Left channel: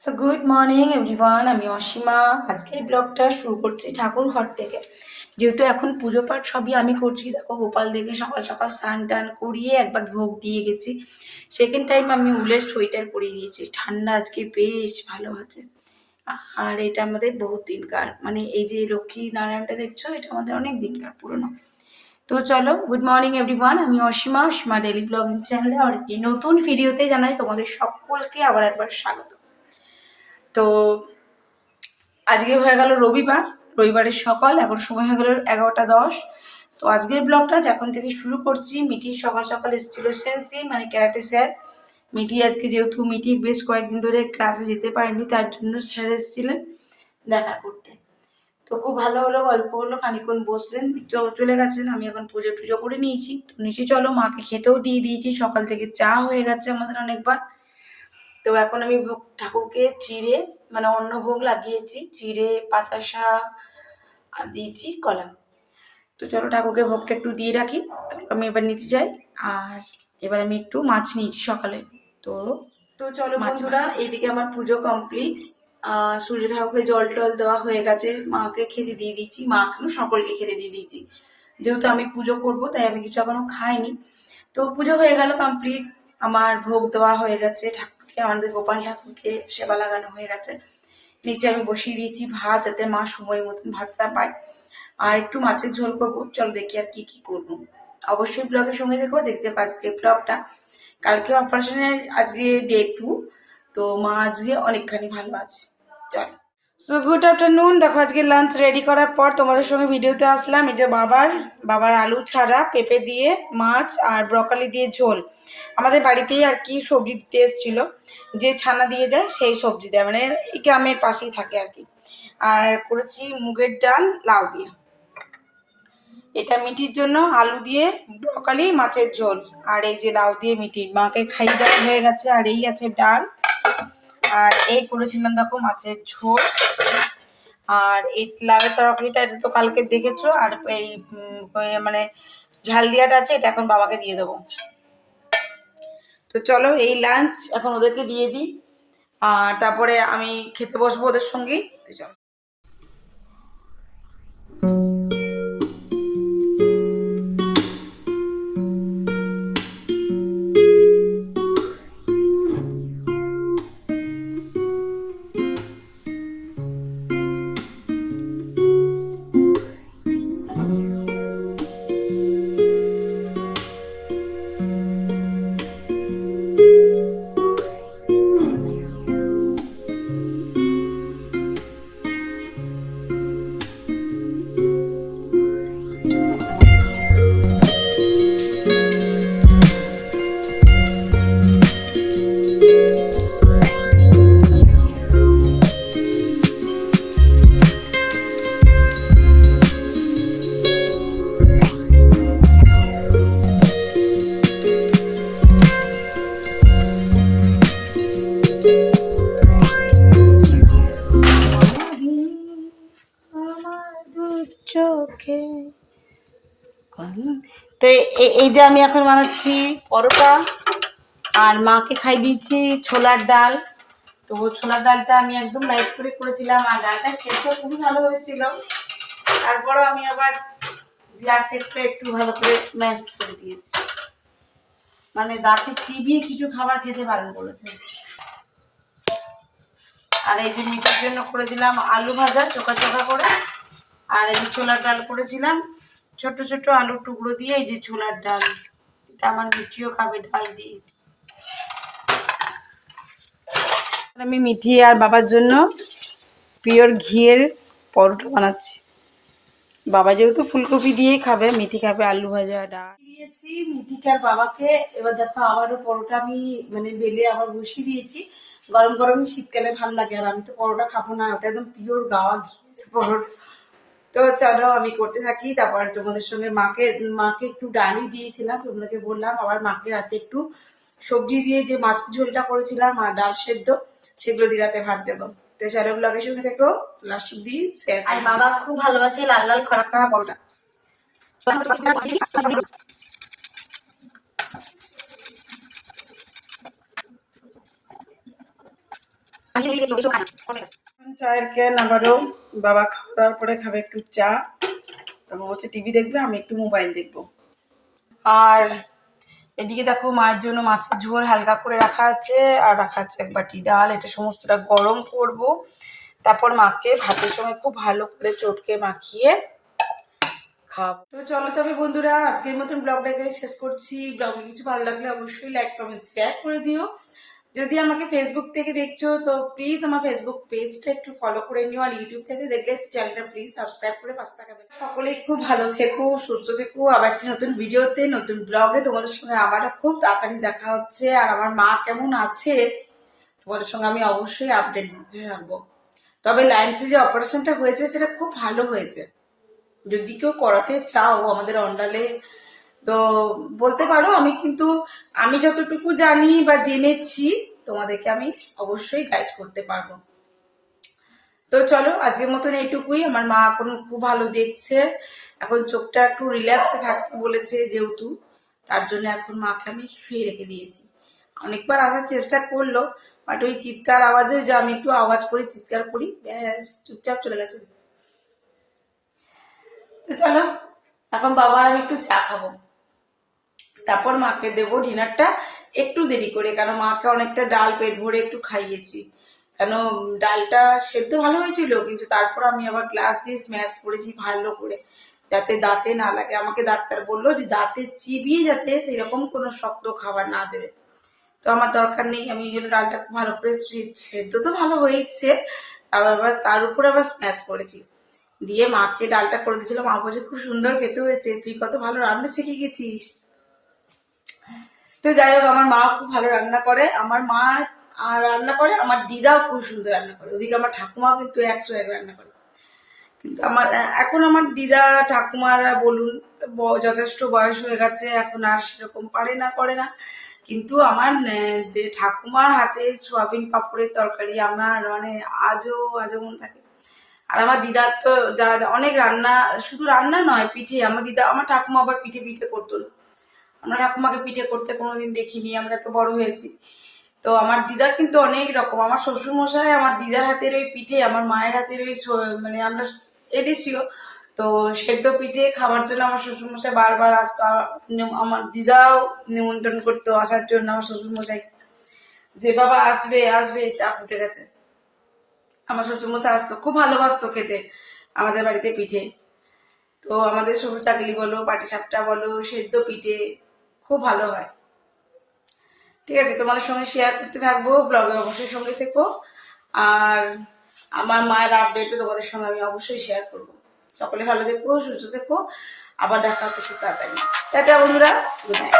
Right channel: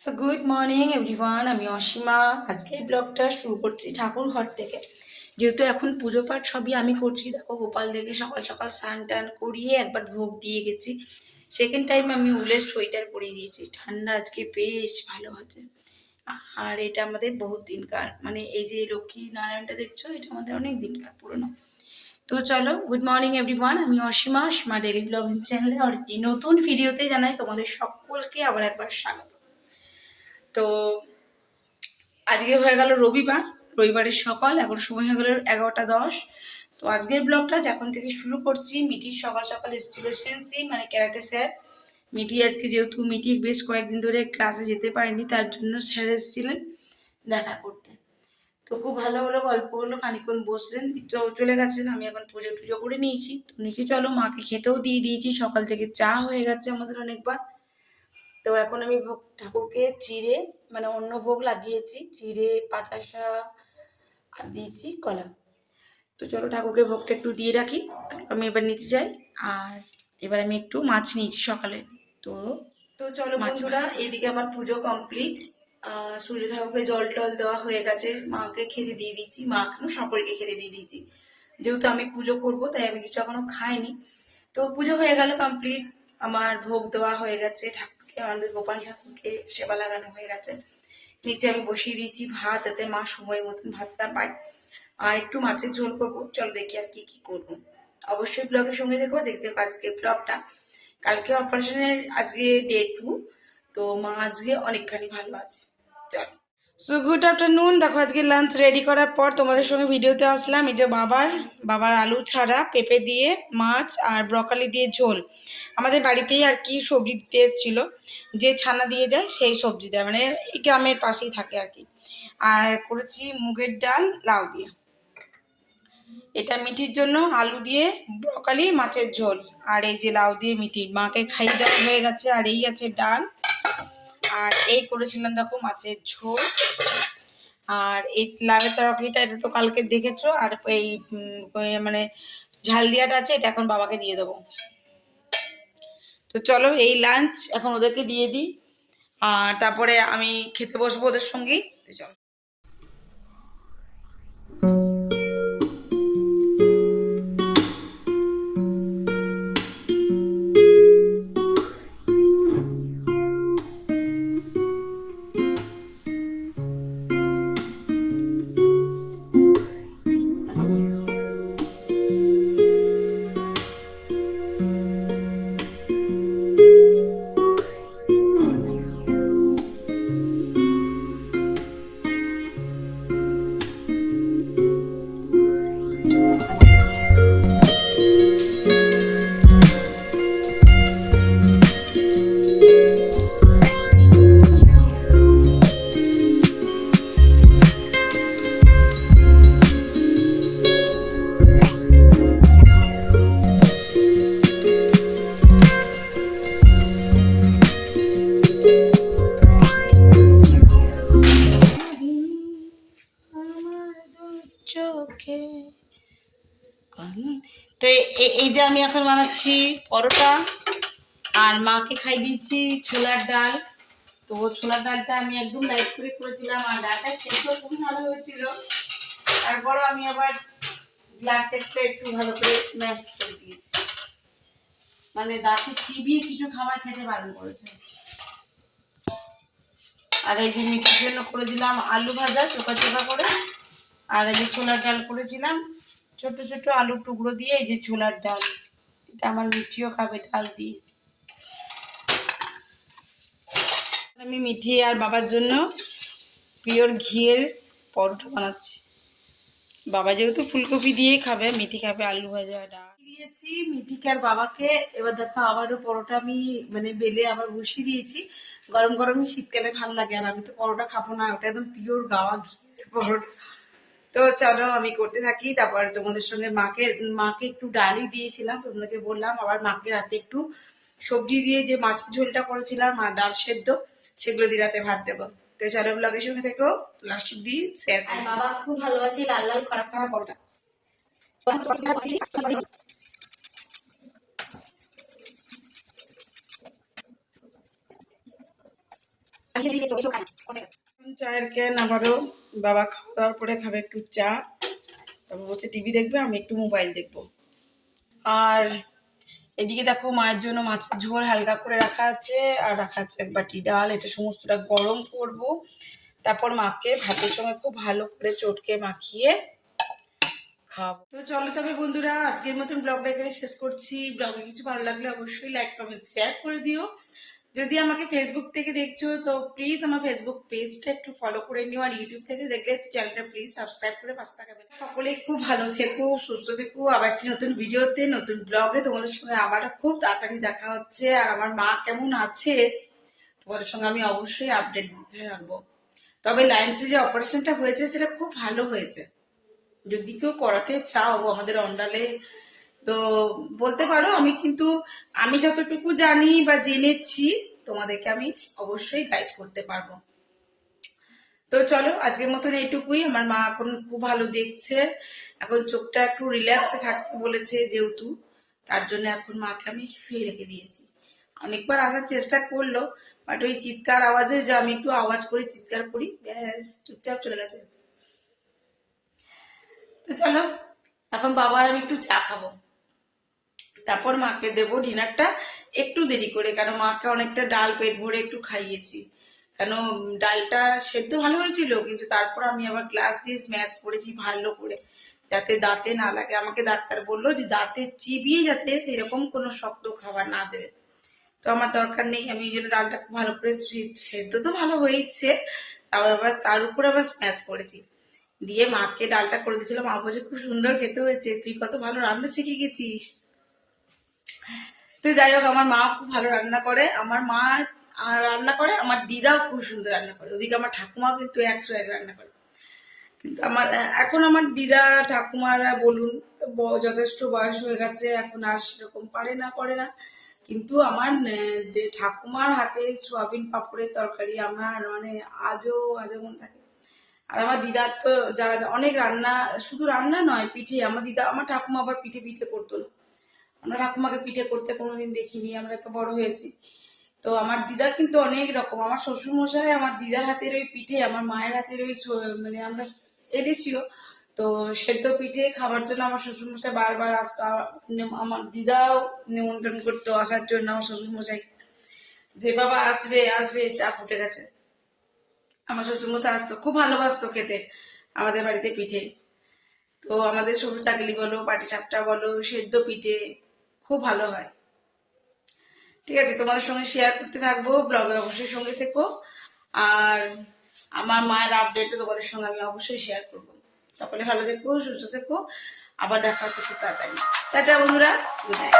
So good morning everyone, আমি অসীমা। আজকের ব্লগটা শুরু করছি ঠাকুর ঘর থেকে। যেহেতু এখন পুজো পাঠ সবই আমি করছি, দেখো গোপাল দেখে সকাল সকাল স্নান টান করিয়ে একবার ভোগ দিয়ে গেছি। সেকেন্ড টাইম আমি উলের সোয়েটার পরিয়ে দিয়েছি, ঠান্ডা আজকে বেশ ভালো আছে। আর এটা আমাদের বহুত দিনকার, মানে এই যে লক্ষ্মী নারায়ণটা দেখছো, এটা আমাদের অনেক দিনকার পুরনো। তো চলো, গুড মর্নিং এভরিওয়ান, আমি অসীমা, অসীমা ডেলি ব্লগিং চ্যানেলে আর কি নতুন ভিডিওতে জানাই তোমাদের সকলকে আবার একবার স্বাগত। তো আজকে হয়ে গেল রবিবার, রবিবারের সকাল, এখন সময় হয়ে গেল 11টা 10। তো আজকের ব্লগটা যখন থেকে শুরু করছি, মিঠি সকাল সকাল এসেছিল সেন্সি, মানে ক্যারাটে স্যার। মিঠি আজকে, যেহেতু মিঠি বেশ কয়েকদিন ধরে ক্লাসে যেতে পারেনি, তার জন্য স্যার এসেছিলেন দেখা করতে। তো খুব ভালো হলো, গল্প হলো, খানিক্ষণ বসলেন, চলে গেছেন। আমি এখন পুজো টুজো করে নিয়েছি, তো নিচে চলো, মাকে খেতেও দিয়ে দিয়েছি, সকাল থেকে চা হয়ে গেছে আমাদের অনেকবার। তো এখন আমি ভোগ ঠাকুরকে চিড়ে, মানে অন্ন ভোগ লাগিয়েছি, চিড়ে বাতাসা আর দিয়েছি কলা। তো চলো ঠাকুরকে ভোগটা একটু দিয়ে রাখি, তো আমি এবার নিচে যাই। আর এবার আমি একটু মাছ নিয়েছি সকালে। তো তো চলো বন্ধুরা, এদিকে আমার পুজো কমপ্লিট। সূর্য ঠাকুরকে জল টল দেওয়া হয়ে গেছে, মাকে খেতে দিয়ে দিয়েছি, মা এখনো সকলকে খেতে দিয়ে দিয়েছি। যেহেতু আমি পুজো করবো তাই আমি কিছু এখনো খাইনি। তো পুজো হয়ে গেল কমপ্লিট, আমার ভোগ দেওয়া হয়ে গেছে ঠাকুরকে, আমাদের গোপাল ঠাকুরকে সেবা লাগানো হয়ে গেছে। নিচে আমি বসিয়ে দিয়েছি ভাত, যাতে মা সময় মতন ভাতটা পায়। আর একটু মাছের ঝোল করবো, চলো দেখি আর কি কি করবো। অবশ্যই ব্লগের সঙ্গে দেখো, দেখতে পাবো আজকে ব্লগটা। কালকে অপারেশনের, আজকে ডে 2। তো মা আজকে অনেকখানি ভালো আছে। চলো, সো গুড আফটারনুন। দেখো আজকে লাঞ্চ রেডি করার পর তোমাদের সঙ্গে ভিডিওতে আসলাম। এই যে বাবার আলু ছাড়া পেঁপে দিয়ে মাছ আর ব্রকলি দিয়ে ঝোল। আমাদের বাড়িতেই আর কি সবজি দিতে এসেছিলো, যে ছানা দিয়ে যায় সেই সবজি দেয়, মানে এই গ্রামের পাশেই থাকে আর কি। আর করেছি মুগের ডাল লাউ দিয়ে। এটা মিঠির জন্য আলু দিয়ে ব্রকলি মাছের ঝোল, আর এই যে লাউ দিয়ে মিঠির, মাকে খাইয়ে দেওয়া হয়ে গেছে। আর এই আছে ডাল, আর এই করেছিলাম দেখো মাছের ঝোল। আর এই লাউয়ের তরকারিটা, এটা তো কালকে দেখেছো। আর এই মানে ঝাল দিয়াটা আছে, এটা এখন বাবাকে দিয়ে দেবো। তো চলো, এই লাঞ্চ এখন ওদেরকে দিয়ে দিই, আর তারপরে আমি খেতে বসবো ওদের সঙ্গেই। তো চলো। চোখে তো এই যে আমি এখন বানাচ্ছি পরোটা, আর মাকে খাই দিচ্ছি ছোলার ডাল। তো ছোলার ডালটা আমি একদম লাইট করে করেছিলাম, আর ডালটা সেদ্ধ খুবই ভালো হয়েছিল। তারপরও আমি আবার গ্লাসেরটা একটু ভালো করে ম্যাশ করে দিয়েছি, মানে দাঁতে চিবিয়ে কিছু খাবার খেতে বারণ করেছে। আর এই যে মিঠির জন্য করে দিলাম আলু ভাজা চোখা চোখা করে। আর এই যে ছোলার ডাল করেছিলাম ছোট ছোট আলুর টুকরো দিয়ে, এই যে ছোলার ডাল, এটা আমার মিঠিও খাবে ডাল দিয়ে। আমি মিঠি আর বাবার জন্য পিওর ঘিয়ের পরোটা বানাচ্ছি। বাবা যেহেতু ফুলকপি দিয়েই খাবে, মিঠি খাবে আলু ভাজা ডাল দিয়েছি মিঠিকে আর বাবাকে। এবার দেখো আবারও পরোটা আমি মানে বেলে আবার বসিয়ে দিয়েছি। গরম গরম শীতকালে ভাল লাগে, আর আমি তো পরোটা খাবো না, ওটা একদম পিওর গাওয়া ঘি পরোটা। তো চলো আমি করতে থাকি, তারপর তোমাদের সঙ্গে মাকে মাকে একটু ডালই দিয়েছিলাম, তোমাদেরকে বললাম। আবার মাকে রাতে একটু সবজি দিয়ে যে মাছ ঝোলটা করেছিলাম আর ডাল সেদ্ধ, সেগুলো দিয়ে রাতে ভাত দেবো। তো চলো ব্লগের সঙ্গে থেকো, লাস্ট অব্দি শেয়ার। আর বাবা খুব ভালোবাসে লাল লাল কড়া কড়া পরোটা। চায়ের ক্যান আবারও বাবা খাওয়া দাওয়ার পরে খাবে একটু চা, তারপর বসে টিভি দেখবে, আমি একটু মোবাইল দেখবো। আর এদিকে দেখো মায়ের জন্য মাছের ঝোল হালকা করে রাখা আছে, আর রাখা আছে এক বাটি ডাল। এটা সমস্তটা গরম করব, তারপর মাকে ভাতের সঙ্গে খুব ভালো করে চটকে মাখিয়ে খাব। তো চলো তবে বন্ধুরা, আজকের মতন ব্লগটাকে শেষ করছি। ব্লগে কিছু ভালো লাগলে অবশ্যই লাইক কমেন্ট শেয়ার করে দিও। যদি আমাকে ফেসবুক থেকে দেখছো তো প্লিজ আমার ফেসবুক পেজটা একটু ফলো করে নিও, আর ইউটিউব থেকে দেখলে চ্যানেলটা প্লিজ সাবস্ক্রাইব করে পাশে থাকবে। সকলেই খুব ভালো থেকো, সুস্থ থেকো। আবার একটি নতুন ভিডিওতে নতুন ব্লগে তোমাদের সঙ্গে আবারও খুব তাড়াতাড়ি দেখা হচ্ছে। আর আমার মা কেমন আছে তোমাদের সঙ্গে আমি অবশ্যই আপডেট দিতে থাকবো। তবে লাইন্সে যে অপারেশনটা হয়েছে সেটা খুব ভালো হয়েছে। যদি কেউ করাতে চাও আমাদের অন্ডালে তো বলতে পারো, আমি যতটুকু জানি বা জেনেছি তোমাদেরকে আমি অবশ্যই গাইড করতে পারবো। তো চলো আজকের মতন এইটুকুই। আমার মা এখন খুব ভালো দেখছে, এখন চোখটা একটু রিল্যাক্সে থাকতে বলেছে যেহেতু, তার জন্য এখন মাকে আমি শুয়ে রেখে দিয়েছি। অনেকবার আসার চেষ্টা করলো, বাট ওই চিৎকার আওয়াজে যে আমি একটু আওয়াজ করে চিৎকার করি, ব্যাস চুপচাপ চলে গেছে। তো চলো এখন বাবার আমি একটু চা খাবো, তারপর মাকে দেবো ডিনারটা একটু দেরি করে, কেন মাকে অনেকটা ডাল পেট ভরে একটু খাইয়েছি। কেন ডালটা সেদ্ধ ভালো হয়েছিল, কিন্তু তারপর আমি আবার গ্লাস দিয়ে স্ম্যাশ করেছি ভালো করে, যাতে দাঁতে না লাগে। আমাকে ডাক্তার বললো যে দাঁতে চিবিয়ে যাতে সেরকম কোনো শক্ত খাবার না দেবে। তো আমার দরকার নেই, আমি এই জন্য ডালটা খুব ভালো করে সেদ্ধ তো ভালো হয়েছে, তার উপর আবার স্ম্যাশ করেছি, দিয়ে মাকে ডালটা করে দিয়েছিলাম। মা বলছে খুব সুন্দর খেতে হয়েছে, তুই কত ভালো রান্না শিখে গেছিস। তো যাই হোক, আমার মা খুব ভালো রান্না করে, আমার মা রান্না করে, আমার দিদাও খুব সুন্দর রান্না করে। ওদিকে আমার ঠাকুমা কিন্তু 100 রান্না করে। কিন্তু এখন আমার দিদা ঠাকুমারা বলুন যথেষ্ট বয়স হয়ে গেছে, এখন আর সেরকম করে না। কিন্তু আমার ঠাকুমার হাতে সোয়াবিন পাপড়ের তরকারি আমার মানে আজও আজও মনে থাকে। আর আমার দিদার তো যা অনেক রান্না, শুধু রান্না নয়, পিঠে। আমার ঠাকুমা আবার পিঠে পিঠে করতো না। আমরা ঠাকুমাকে পিঠে করতে কোনোদিন দেখিনি, আমরা তো বড় হয়েছি। তো আমার দিদা কিন্তু অনেক রকম, আমার শ্বশুর মশাই আমার দিদার হাতের ওই পিঠে, আমার মায়ের হাতের ওই মানে আমরা এদেশীয় তো সেদ্ধ পিঠে খাবার জন্য আমার শ্বশুর মশাই বারবার আসতো। আমার দিদাও নিমন্ত্রণ করতো আসার জন্য আমার শ্বশুর মশাই, যে বাবা আসবে আসবে, চা ফুটে গেছে। আমার শ্বশুর মশাই আসতো, খুব ভালোবাসতো খেতে আমাদের বাড়িতে পিঠে। তো আমাদের সরু চাকলি বলো, পাটিসাপটা বলো, সেদ্ধ পিঠে খুব ভালো হয়। ঠিক আছে, তোমাদের সঙ্গে শেয়ার করতে থাকবো, ব্লগে অবশ্যই সঙ্গে থেকো। আর আমার মায়ের আপডেটও তোমাদের সঙ্গে আমি অবশ্যই শেয়ার করবো। সকলে ভালো থেকো, সুস্থ থেকো, আবার দেখা হচ্ছে খুব তাড়াতাড়ি। টাটা বন্ধুরা, গুড নাইট।